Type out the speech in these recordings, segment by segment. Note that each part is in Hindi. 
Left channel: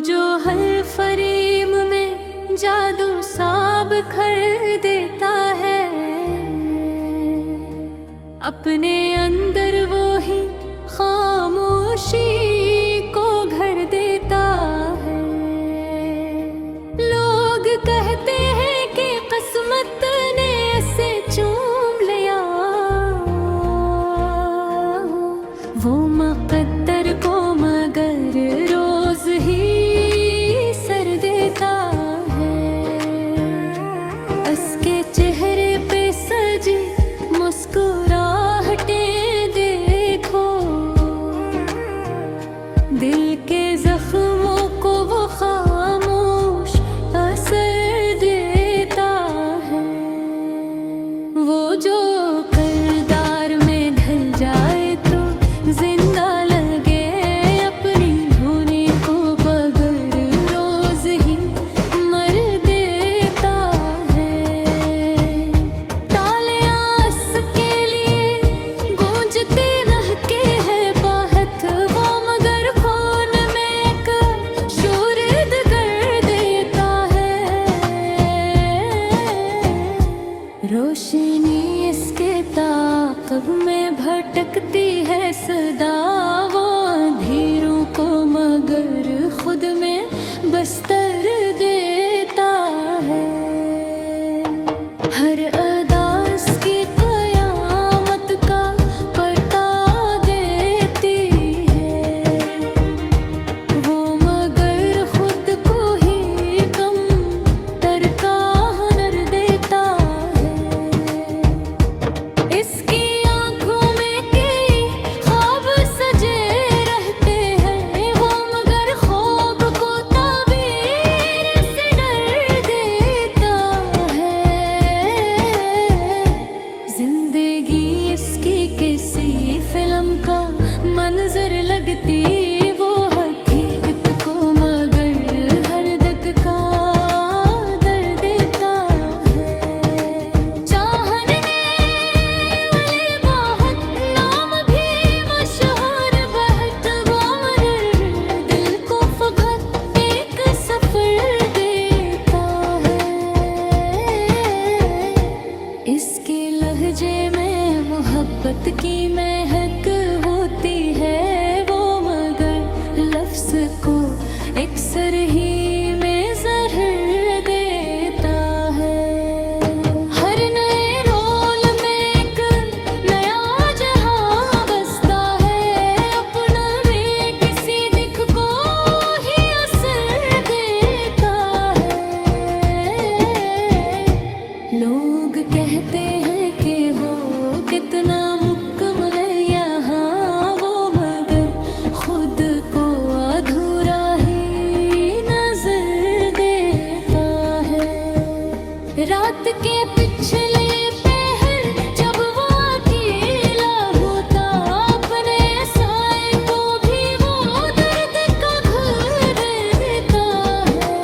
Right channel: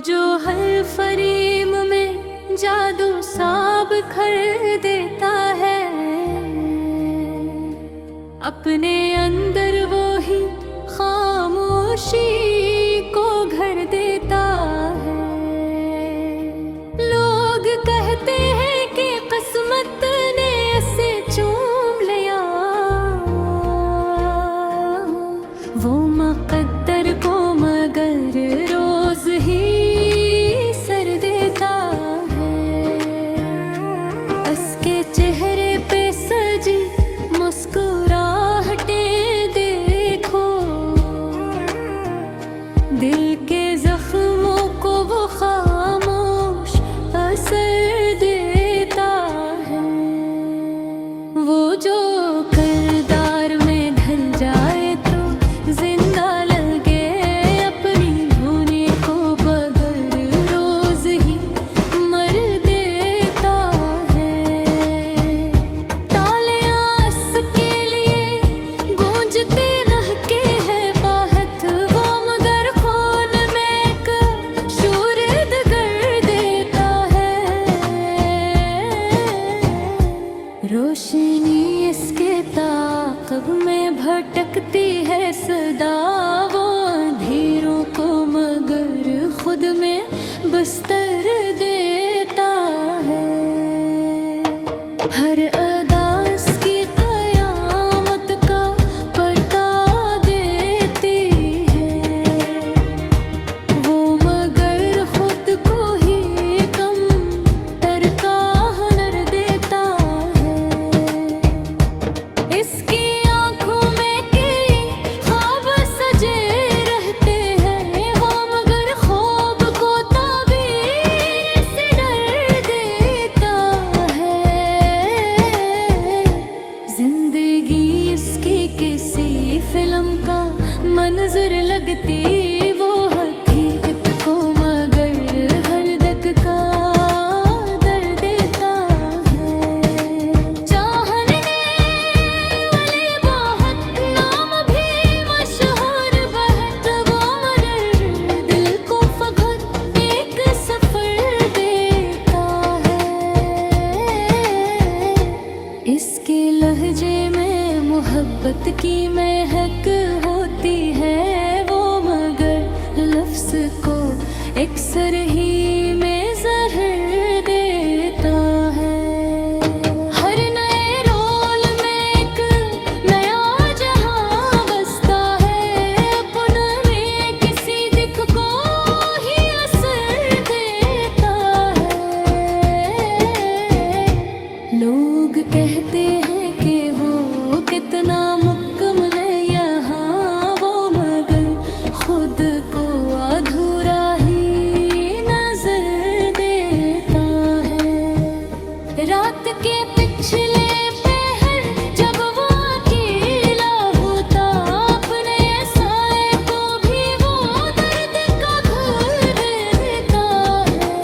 जो हर फरेम में जादू साब खर देता है, अपने अंदर वो ही खामोशी को घर देता है। लोग कहते हैं कि किस्मत ने ऐसे चूम लिया, वो मुक़द्दर को मगर रोज ही सर देता है। उसके चेहरे पे सजी मुस्कुराहटें देखो, दिल के जख्मों को वो खामोश असर देता है। वो जो किरदार में ढल जाए तो जिंदा लगे, अपनी धुनी को बगर रोज ही मर देता है। तालियां इसके लिए गूंजते रहते हैं बाहत, वो मगर खून में एक शूरद कर देता है। रोशनी इसके ताक़ब में भटकती है सदा, वो अंधेरों को मगर खुद में बस्तर देता है। हर अदा इसकी क़यामत का पता देती है, वो मगर खुद को ही कम तर का हुनर देता है। इसकी आंखों में कई ख्वाब सजे रहते हैं, वो मगर ख्वाब को ताबीर से डर देता है। जिंदगी इसकी किसी फिल्म का मंजर लगती, वो हकीकत को मगर हर दक का दर देता है। चाहने वाले बहुत, नाम भी मशहूर बहत, वो मगर दिल को फकत एक सफर देता है। इसके लहजे में मोहब्बत की महक होती है, वो मगर लफ्ज़ को अक्सर ही में ज़हर देता है। हर नए रोल में एक नया जहां बसता है, अपना में किसी दिख को ही असर देता है। लोग कहते हैं कि वो कितना मुकम्मल है यहाँ, वो मगर खुद को अधूरा ही नजर देता है। रात के पिछले पहर जब वो अकेला होता, अपने साए को भी वो दर्द का घर देता है।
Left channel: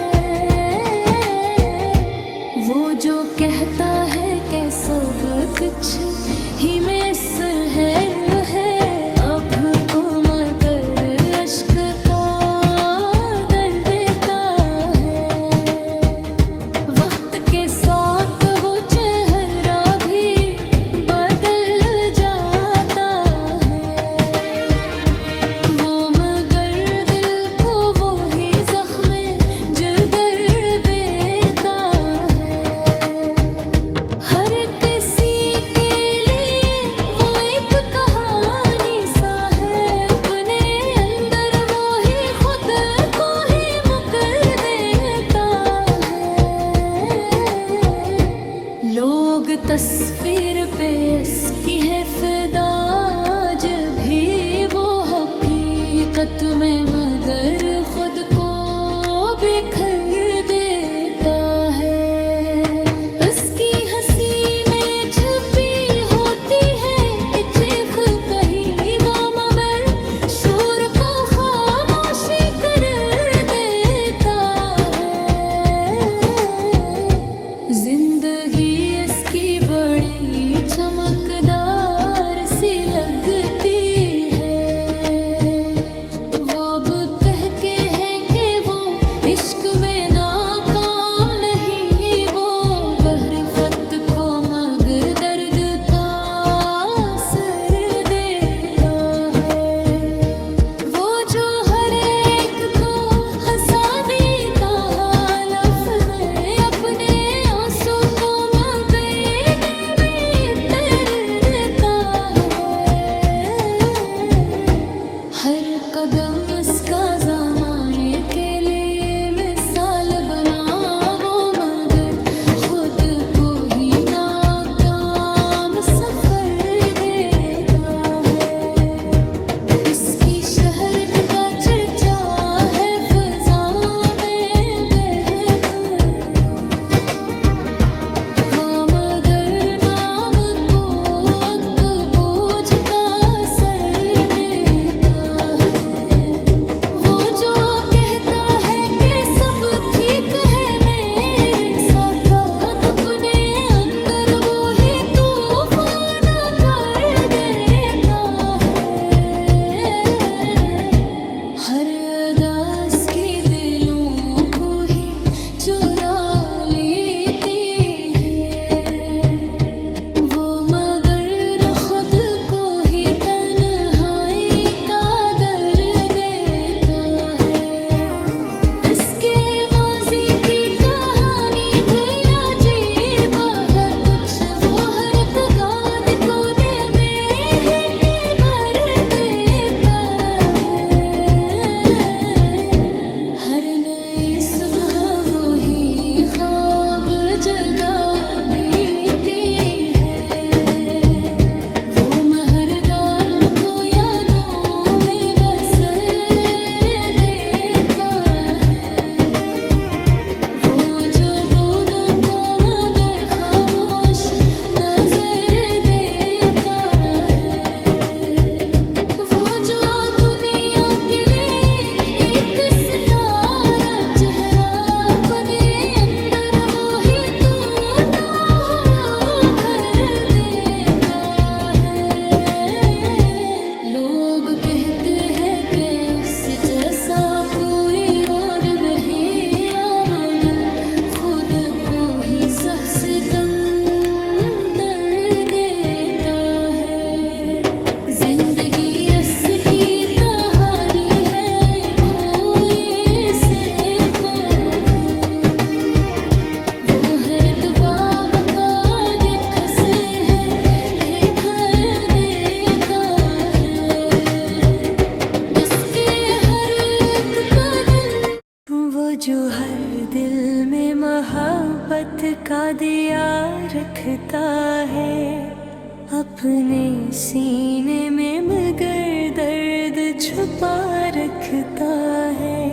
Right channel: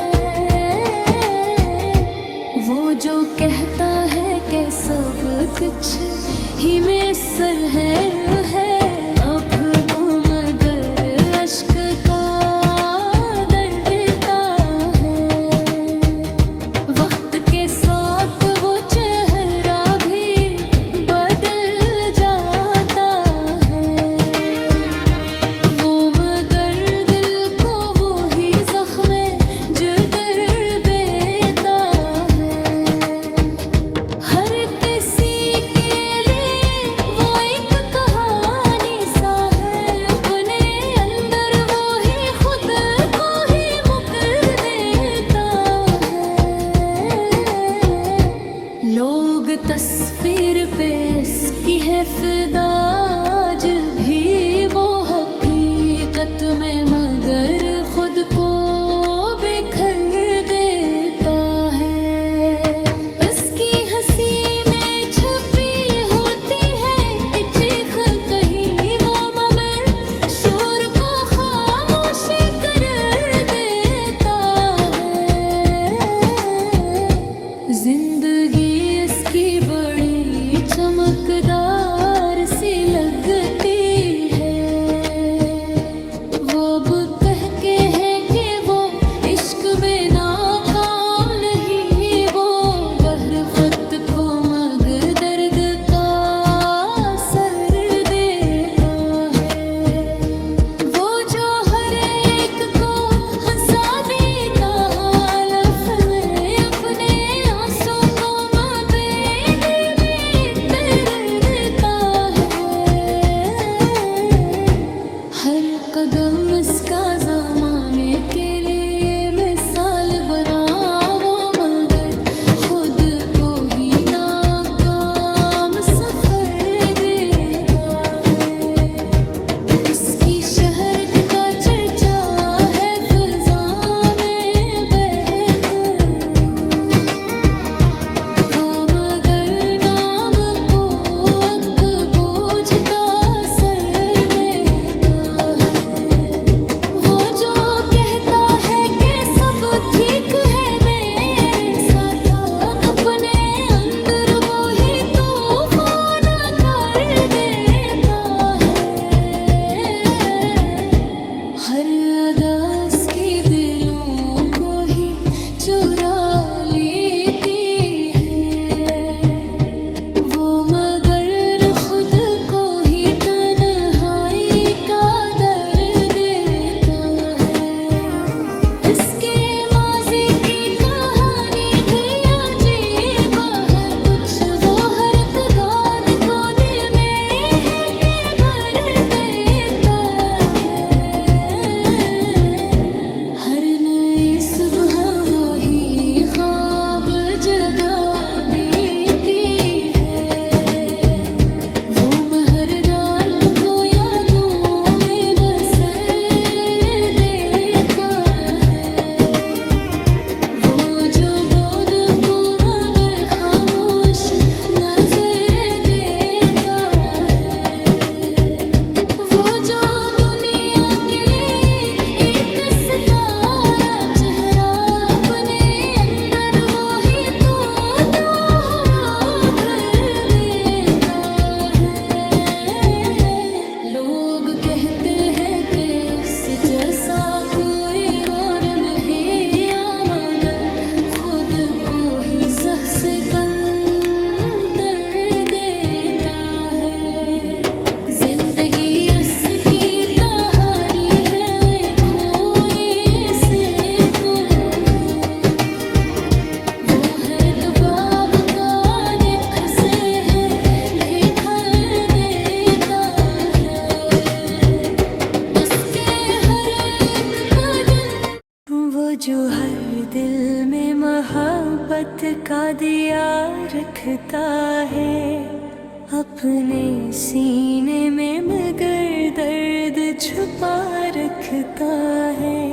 वो जो कहता है कि सब कुछ ही में सरहर है, अब वो मगर अश्क का दर देता है। वक्त के साथ वो चेहरा भी बदल जाता है, वो मगर दिल को वो ही ज़ख्म जिगर देता है। हर किसी के लिए वो एक कहानी सा है, अपने अंदर वो ही खुद को ही मुकर देता है। लोग तस्वीर पे इसकी है फिदा, आज भी वो हकीकत में मगर खुद को बिखर देता है। उसकी हंसी में छुपी होती है एक चीख कहीं, वो मगर शोर को खामोश कर देता है। जिंदगी इसकी बड़ी चमकदार सी लगती है, वो अब कह के है कि वो वो मगर दर्द का असर देता है। वो जो हर एक को हंसा देता हालत में, अपने आंसू को मबेद में तर देता है। हर कदम इसका ज़माने के लिए मिसाल बना, वो मगर खुद को ही नाकाम सफर देता है। इसकी शहरत का चर्चा है फिजा में बहक, वो मगर नाम को अकबोझ का सर लेता है। वो जो कहता है कि सब ठीक है मेरे साथ, अपने अंदर वो ही तूफान कर देता है। हर अदा इसके दिलों को ही चुरा लेती है। वो मगर खुद को ही तन्हाई का दर्द देता है। इसके माजी की कहानी भी अजीब है कुछ, वो हर दाद को दिल में है के भर देता है। हर नई सुबह वो ही ख्वाब जगा लेती है। वो महर रात को यादों में बसर देता है। वो जो बोध को मगर खामोश नजर देता है। वो जो दुनिया के लिए एक सितारा चेहरा, अपने अंदर वो ही टूटा हुआ घर देता है। लोग कहते हैं कि इस जैसा कोई और मिले, मगर खुद को ही सह से कंदर देता है। जिंदगी इसकी कहानी है, खोए से कोई। वो हर बाब का दिख से है देखा देता है। जिसके हर एक कदम, वो जो हर दिल में मोहब्बत का दिया रखता है। अपने सीने में मगर दर्द छुपा रखता है।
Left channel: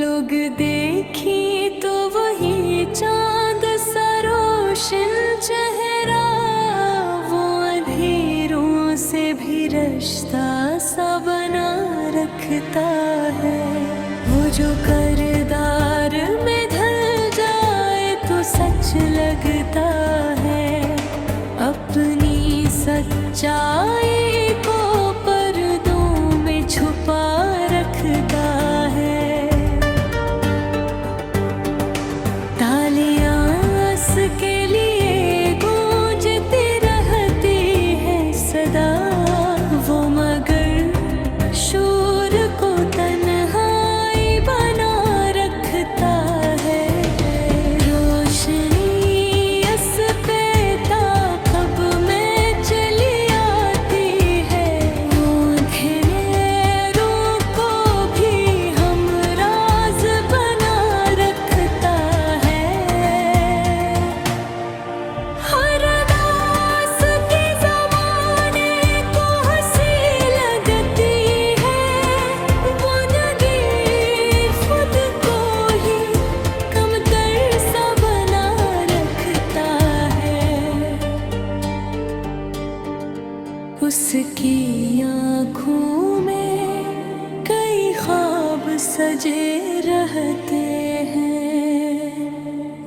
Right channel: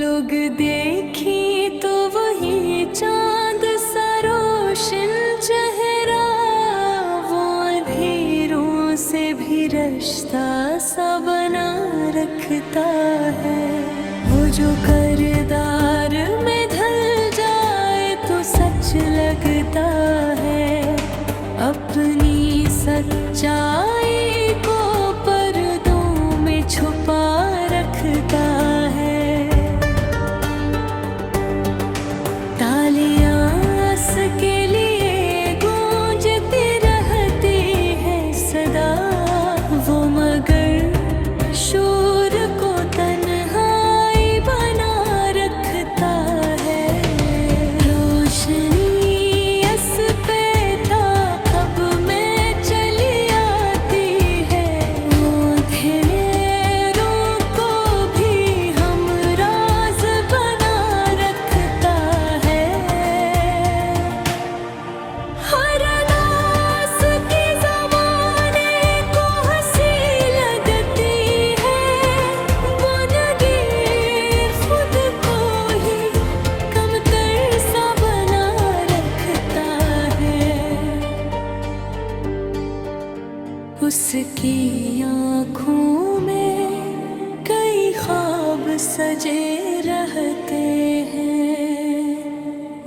लोग देखे तो वही चांद सा रोशन चेहरा, वो अंधेरों से भी रिश्ता सा बना रखता है। वो जो किरदार में ढल जाए तो सच लगता है। अपनी सच्चाई को पर्दों में छुपा रखता है। तालियां उसके लिए गूंजती रहती है सदा, वो मगर शोर को तन्हाई बना रखता है। रोशनी इस पे ताक़ब में चली आती है, वो अंधेरों को भी हमराज़ बना रखता है। हर दास के ज़माने को हंसी लगती है, वो नगीर खुद को ही कमतर सा बना रखता है। उसकी आँखों में कई ख्वाब सजे रहते हैं,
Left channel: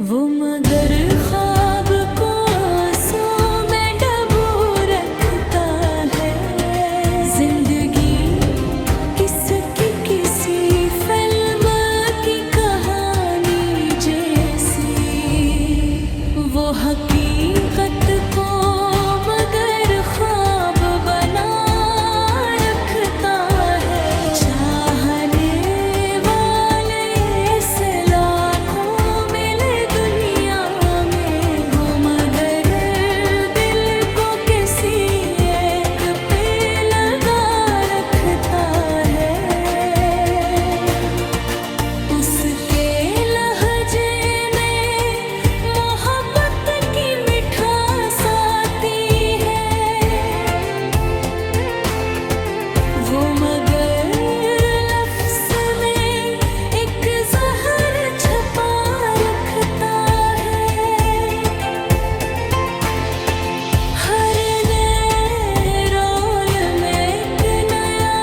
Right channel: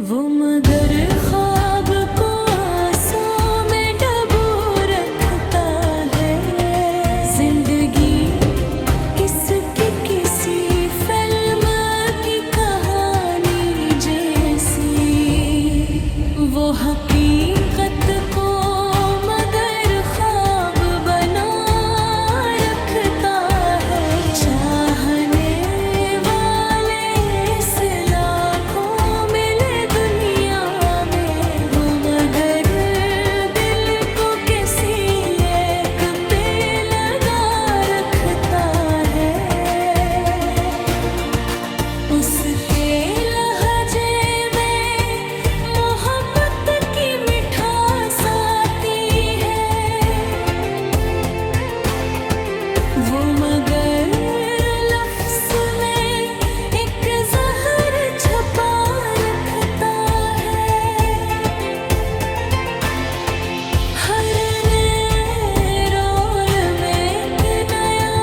वो मगर ख्वाब को आंसू में डबो रखता है। जिंदगी किसकी किसी फिल्म की कहानी जैसी, वो हकीकत को मगर ख्वाब बना रखता है। चाहने वाले से लाखों मिले दुनिया में, वो मगर दिल को किसी एक पे लगा रखता है। उसके लहजे में मोहब्बत की मिठास आती है। वो मगर लफ्ज़ में एक ज़हर छुपा रखता है। हर नए रोल में एक नया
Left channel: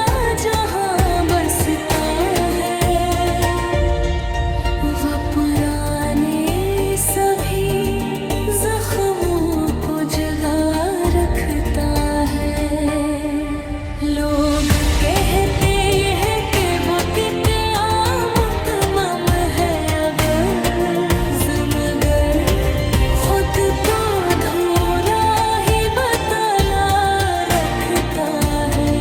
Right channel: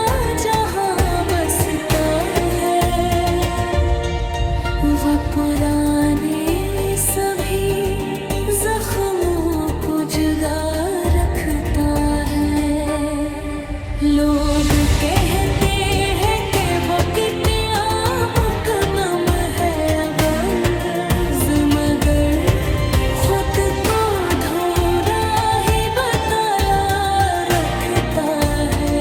जहां बसता है। वह पुराने सभी जख्मों को जगा रखता है। लोग कहते हैं कि वो कितना मुकम्मल है अवज़, मगर खुद को धूरा ही बतला रखता है।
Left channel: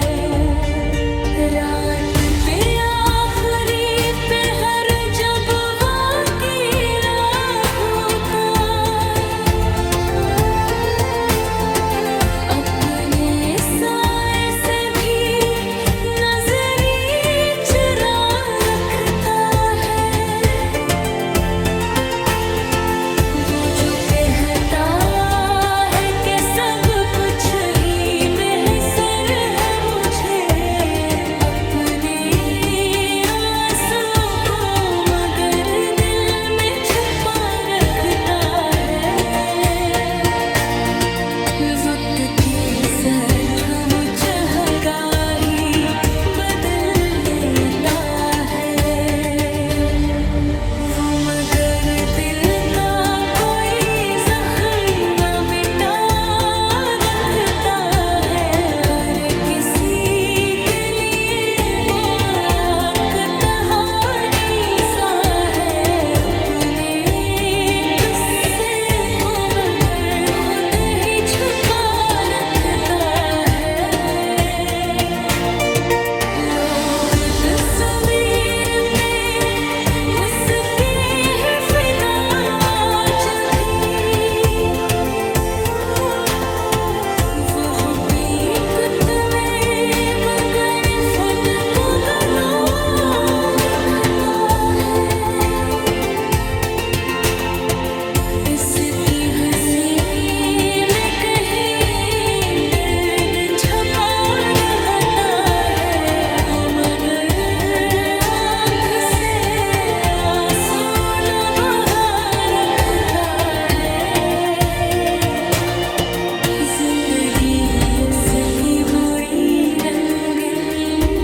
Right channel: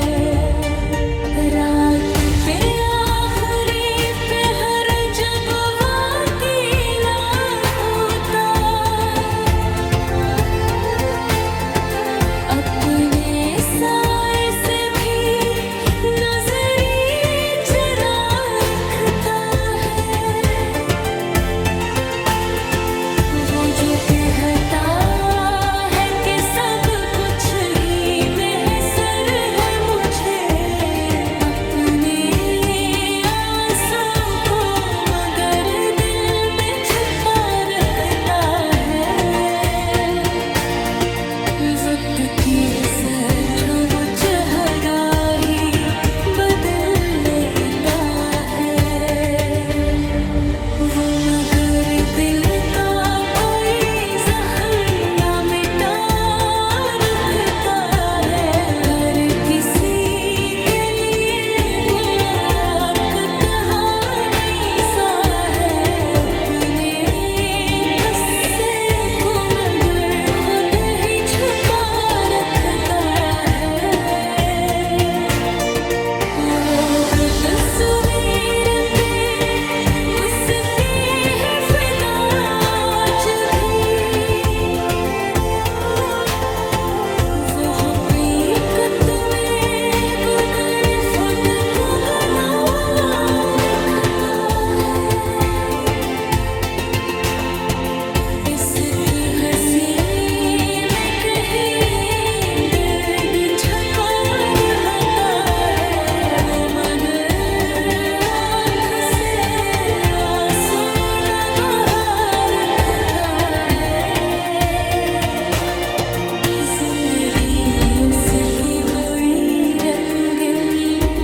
रात पे आखिरी पहर जब वाकीला होता, अपने साए से भी नजरी चरा रखता है। वो जो कहता है कि सब कुछ ही मैसर है मुझे, अपने आंसू को मगर दिल में छुपा रखता है। वक्त की सठ वो चहगाही बदल लेता है। वो मगर दिल का कोई जख्म न मिटा रखता है। हर किसी के लिए वो एक कहानी सा है। अपने किस्से को मगर खुद ही छुपा रखता है। लोग तस्वीर पे उसके है फिदा आज भी। वो हकीकत में बगैर खुद को गना रखता है। इसकी हंसी में कहीं दर्द छुपा रहता है। वो मगर आँख से आंसू न बहा रखता है। जिंदगी इसकी बुरी रंगीन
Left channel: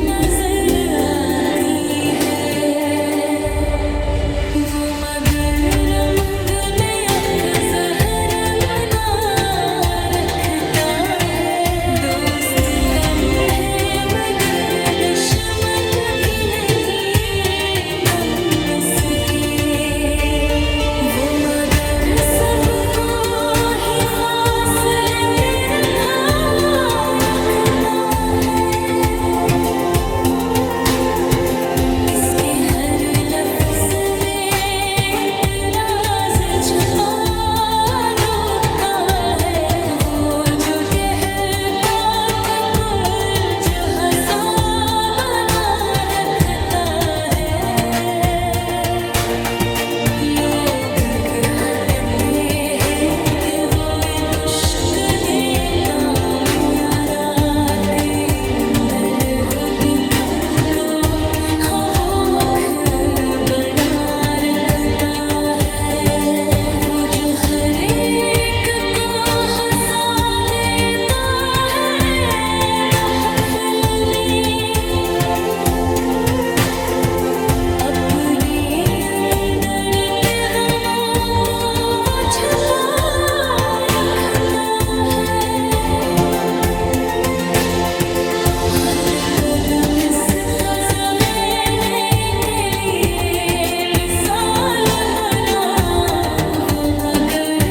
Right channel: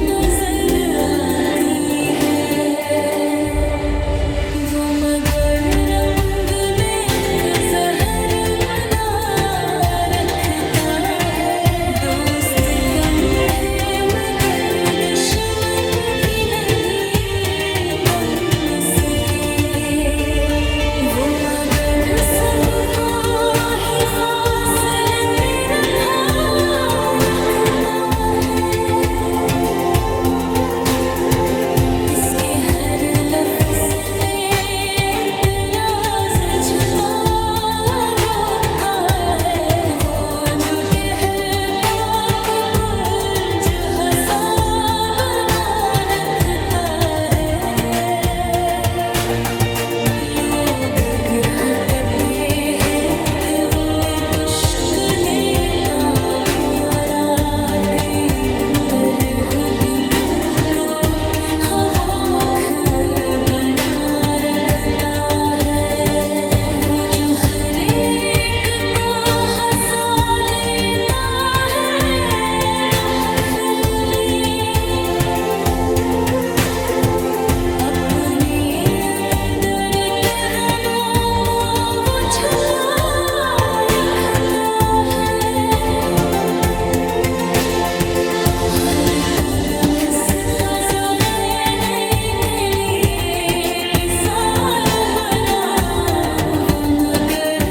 नजर आती है। वो मगर रंग में एक ज़हर मिला रखता है। दोस्त कम है मगर दुश्मन भी नहीं कम उसके। वो मगर सबको ही फासले पे रखा रखता है। इसके हर लफ्ज़ में एक राज छुपा रोका है। वो जो कहता कि कुल जो हंसा बना रखता है। लोग कहते हैं कि वो एक उश्कने काम यारा के अंदर खुद तुमको खवोख बना रखता है। वो जो हर एक को हंसा देता है महफिल में, अपने अंदर के गमों को वो छुपा रखता है। हर कदम इसका ज़माने के लिए मिसाल बना। वो मगर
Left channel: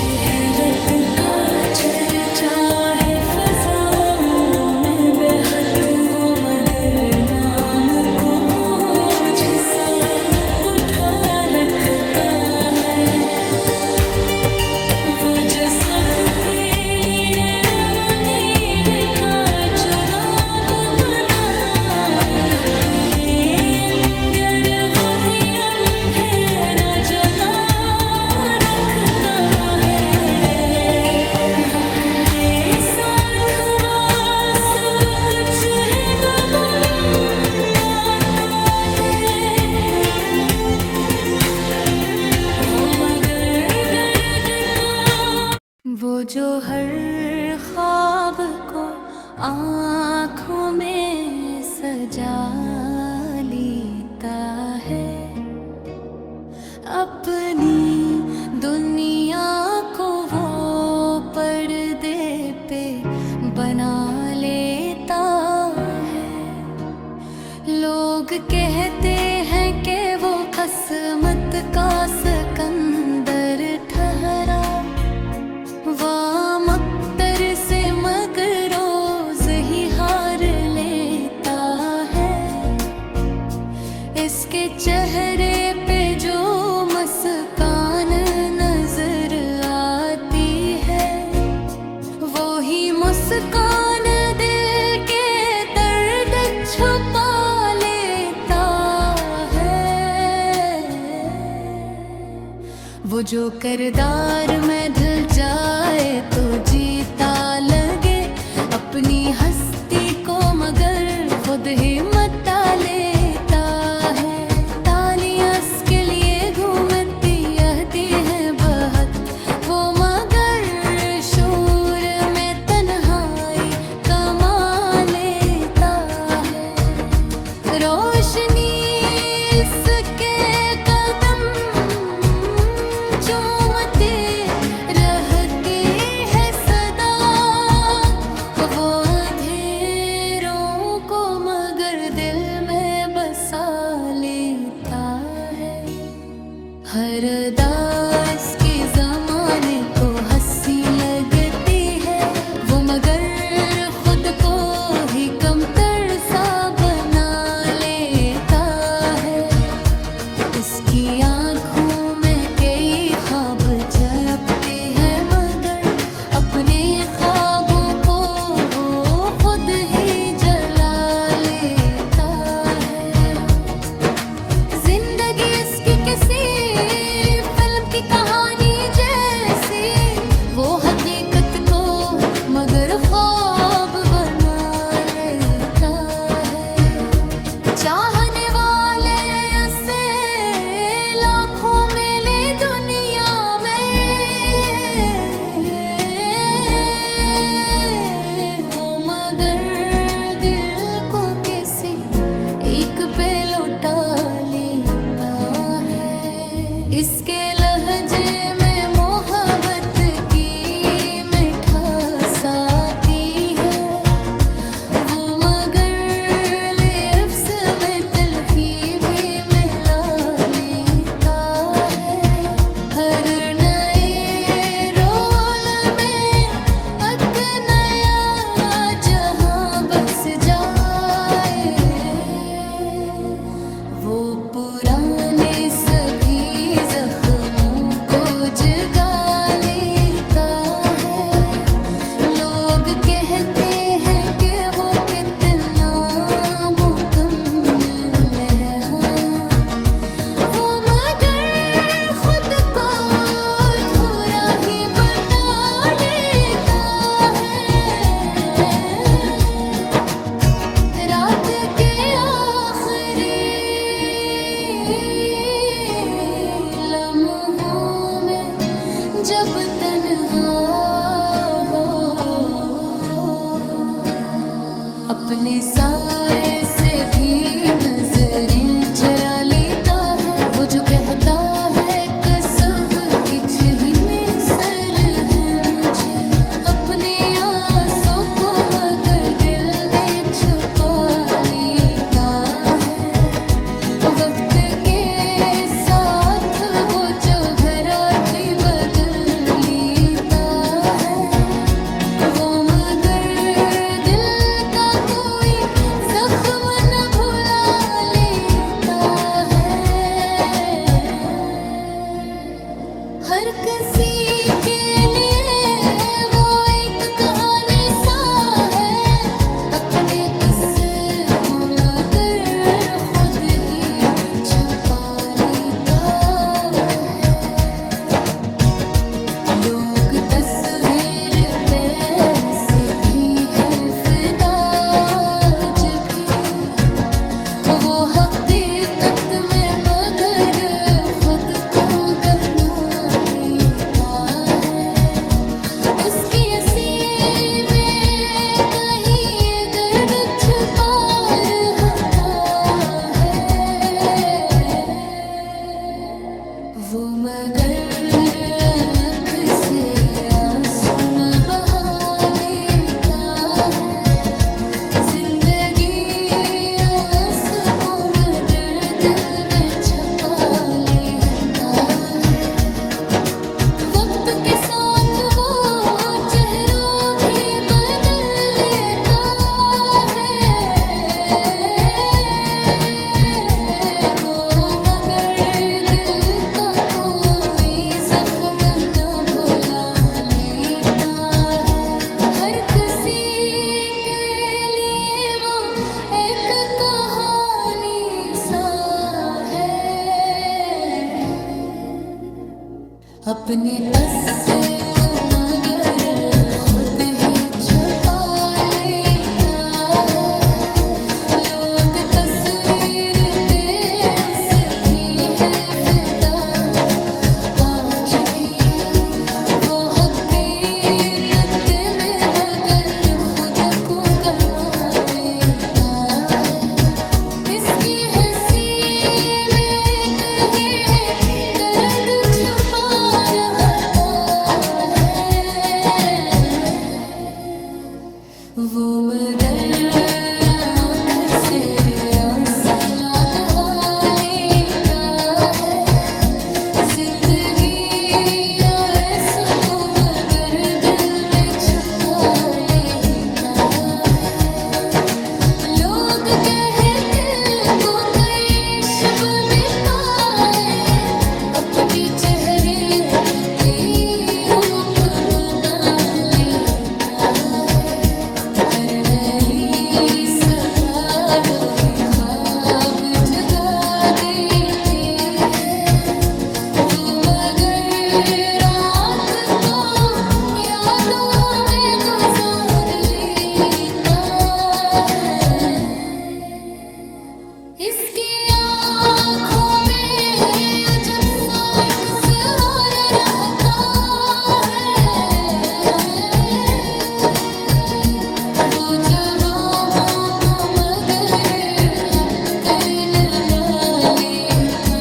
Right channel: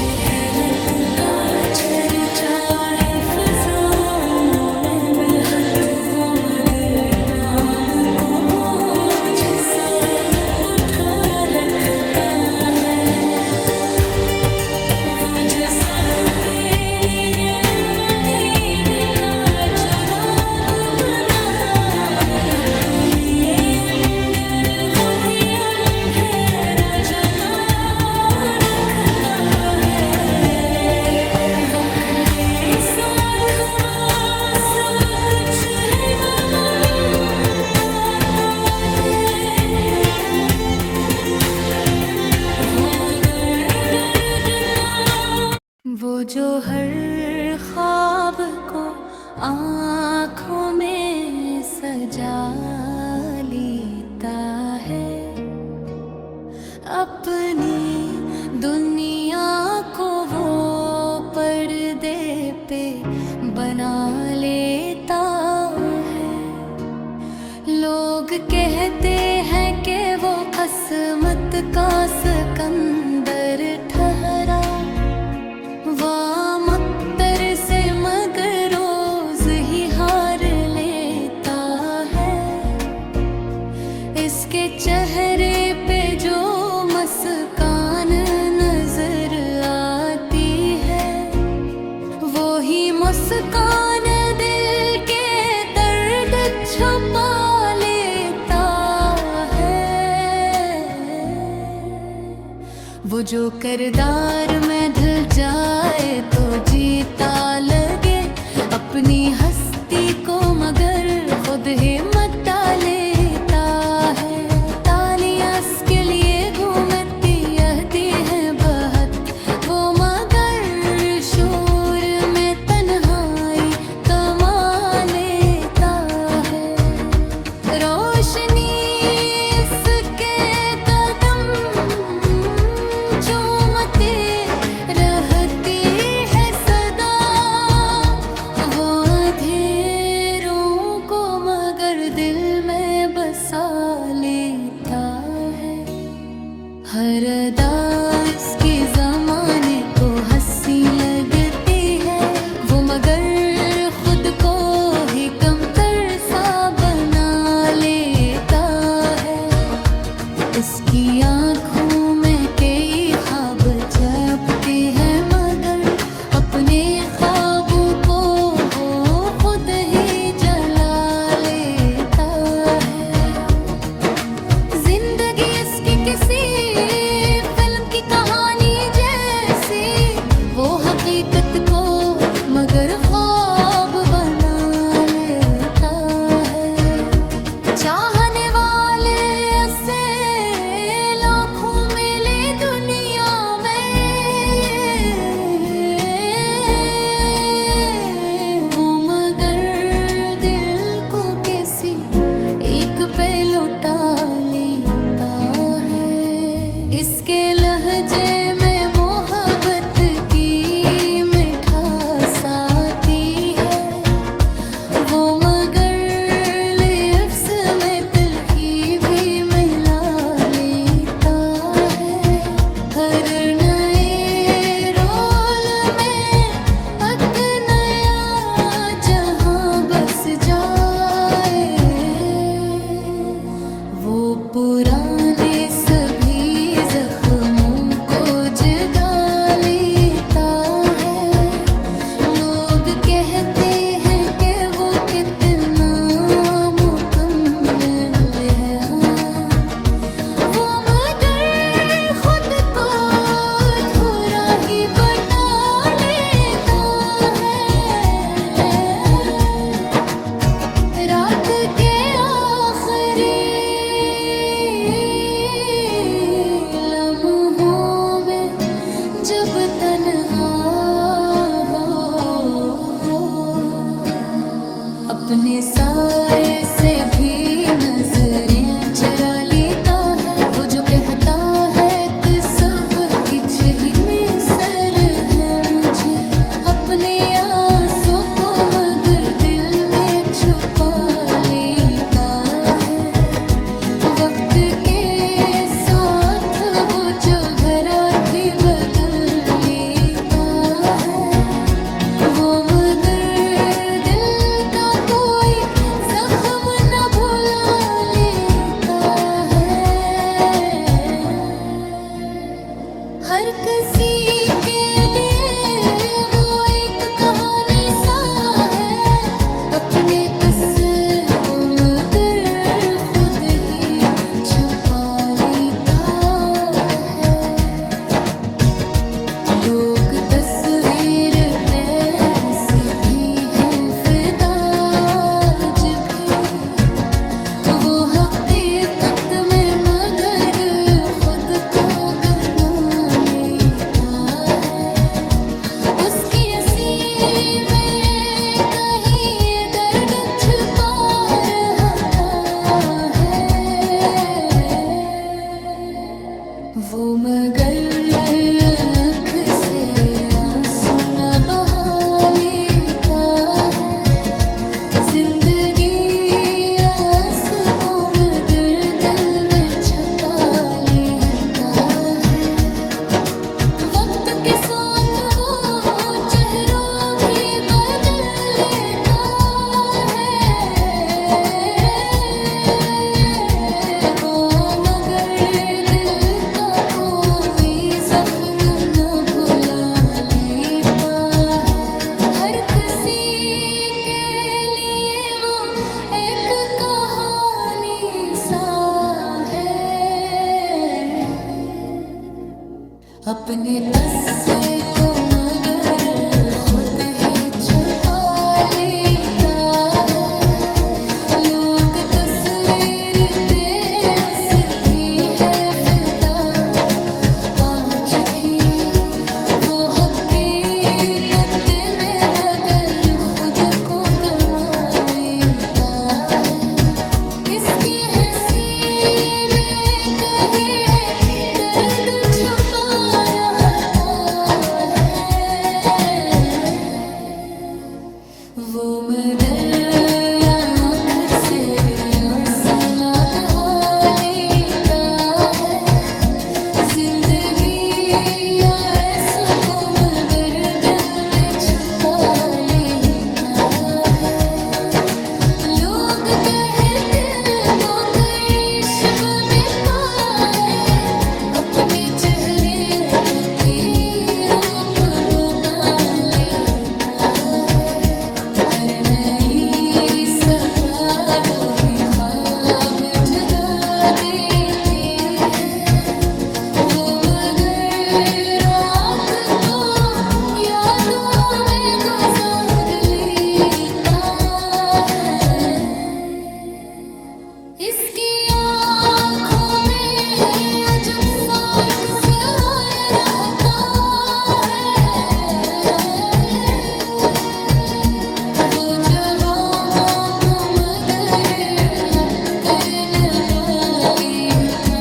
शहरत का चर्चा है फजाओं में बेहद हो, मगर नाम को बोझ सा उठा रखता है। वो जो सबके लिए वनीर का चुराब बना, अपने अंदर वो भी अंधेरा जला रखता है। वक्त के साथ वो सब कुछ है बनाता दे, वो मगर दर्द का, वो जो हर ख्वाब को आँखों में सजा लेता है, अपनी दुनिया को वो पर्दे पे बना लेता है। लोग कहते हैं कि वो किस्मत का सिकंदर ठहरा, वामअख्तर से मगर रोज ही हार लेता है। इसके चेहरे पे जो मुस्कान नजर आती है, वो ही मुस्कान दिल के दर्द छुपा लेता है। वो जो किरदार में ढल जाए तो जीता लगे अपनी हस्ती को, मगर खुद ही मता लेता है। तालियां इसके लिए घूमती रहती है बहुत, वो मगर शोर में तन्हाई कमा लेता है। रोशनी इसके कदम चूमती रहती है सदा, वो अंधेरों को मगर दिल में बसा लेता है। हर अदा इसकी ज़माने को हंसी लगती है, वो मगर खुद को ही कमतर सा बना लेता है। इसकी आँखों में कई ख्वाब झपते हैं, मगर अपने ख्वाबों को वो खुद ही जला लेता है। जिंदगी इसकी किसी फिल्म की कहानी जैसी, वो हकीकत को मगर ख्वाब बना लेता है। चाहने वाले ऐसे लाखों मिले दुनिया में, वो मगर दिल को किसी एक पे लौटा लेता है। इसके लहजे में मोहब्बत की मिठास आती है, वो मगर लिप्स में तिलकी भी मिला लेता है। हर नए रोल में एक नया जहां बस जाए, वो पुराने सभी जख्मों को जगा लेता है। लोग कहते हैं कि वो कितना मुकम्मल है, हाँ, वो मगर खुद को अधूरा ही बता लेता है। रात के आखिरी लम्हों में जब तन्हा हो, अपने साए से भी नजरें चुरा लेता है। वो जो कहता है कि सब कुछ ही में सर है मुझे, अपने आंसू को मगर दिल में छुपा लेता है। वक्त के साथ वो जो घर और भी बदल तस्वीर पे ऐसी भी है फिदा आज भी, वो हकीकत में मगर खुद को गहनों लेता है। उसकी हंसी में कहीं ये दर्द छुपा रहता है। वो मगर आँख से आंसू न बहा लेता है। जिंदगी आंसू को मगर दिल में छपा लेता है। वक्त के साथ वो चेहरा भी बदल लेता है। वो मगर दिल का कोई जख्म न भुला लेता है। हर किसी के लिए वो एक कहानी सा है। अपने अस्से को मगर खुद ही छुपा लेता है। लोग तस्वीर पे उसकी है फिदा आज भी, वो हकीकत में मगर खुद को गवा लेता है। किसकी हंसी में कहीं दर्द छुपा रहता है। वो मगर आँख से आंसू न बहा लेता है। जिंदगी आंसू को मगर दिल में छुपा लेता है। लोग कहते को कई शब में ताए, अपने चेहरे को की रूप बना लेता है। हर नई सफा वो भी ख्वाब जगा देती है। वो मगर रात को यादों में गुजार लेता है। इसकी आँखों में अजब सा एक सवाल रहता है। वो जवाबों को मगर अपने मान लेता।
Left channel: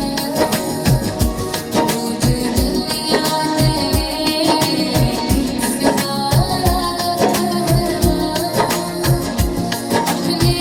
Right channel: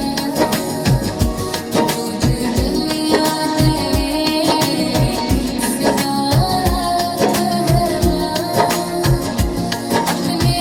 वो जो दुनिया के एक सितारा था अपने